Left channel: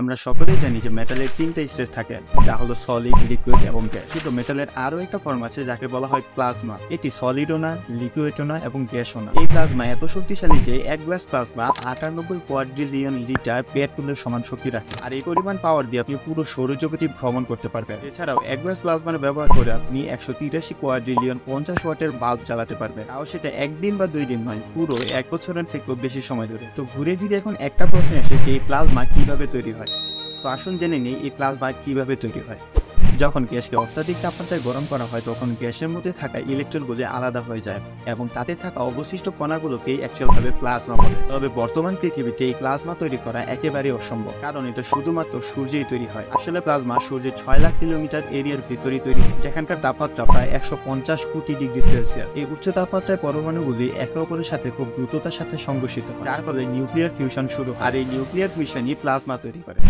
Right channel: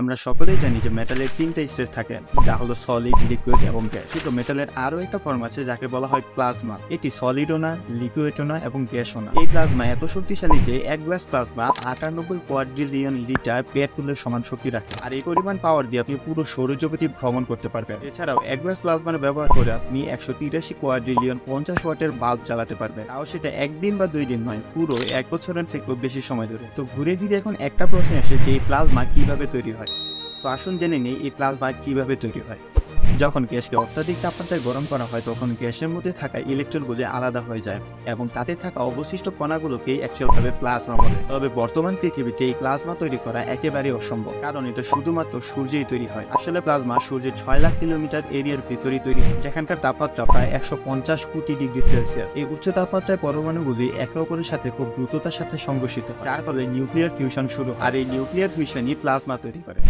আমরা সকলেই জানি যে মেটালের তিনটা স্টেট থাকে, যা হলো সলিড, লিকুইড এবং গ্যাস। কিন্তু মেটালের আরো একটা ফর্ম আছে যাকে বলা হয় প্লাজমা। এটি সলিডও না, লিকুইডও না এবং গ্যাসও না। এই প্লাজমা এত শক্তিশালী যে এক গ্লাস প্লাজমা 98 কোয়াড্রিলিয়ন লিটার পেট্রোলের সমান শক্তি রাখে। আর এই পরিমাণ পাওয়ার দিয়ে আপনি পুরো সৌরজগৎটি ভ্রমণ করতে পারবেন। এছাড়াও এক গ্লাস প্লাজমার ব্যবহার করে আপনি 183 কোয়াড্রিলিয়ন 50 ওয়াটের বাল্ব চালাতে পারবেন। তাও সেটা একদিন বা 2 দিন নয়, পুরো 1 বছরের থেকেও বেশি সময় ধরে। তো ঘুরে ফিরে এখন একটা প্রশ্ন আসে যে এই প্লাজমা কিভাবে তৈরি হয়। তো আসুন জেনে নেই এই প্লাজমা কিভাবে তৈরি হয়। যখন গ্যাসকে অত্যাধিক তাপমাত্রায় গরম করা হয় তখন গ্যাসের মধ্যে থাকা ইলেকট্রনগুলো আলাদা হয়ে যায় এবং তাতে থাকা অবশিষ্ট কণাগুলোকেই অ্যাকচুয়ালভাবে প্লাজমা বলে। তবে বর্তমান পৃথিবীতে এই প্লাজমা তৈরি করা একেবারেই অসম্ভব, কারণ এটা শুধুমাত্র সূর্যেই তৈরি হয়। আসলে প্লাজমা সূর্যের 6 লাখ কিলোমিটার এরিয়ার ভিতরেই তৈরি হয়, যেখানকার তাপমাত্রা প্রায় 150 কোটি ডিগ্রি সেলসিয়াস। এই উচ্চ তাপমাত্রায় পরমাণুগুলি একে অপরের সাথে খুব দ্রুততার সাথে সংঘর্ষিত হয়, যার ফলে নিউক্লিয়ার ফিউশন শুরু হয়। আর এই নিউক্লিয়ার ফিউশনই প্লাজমা তৈরি করে।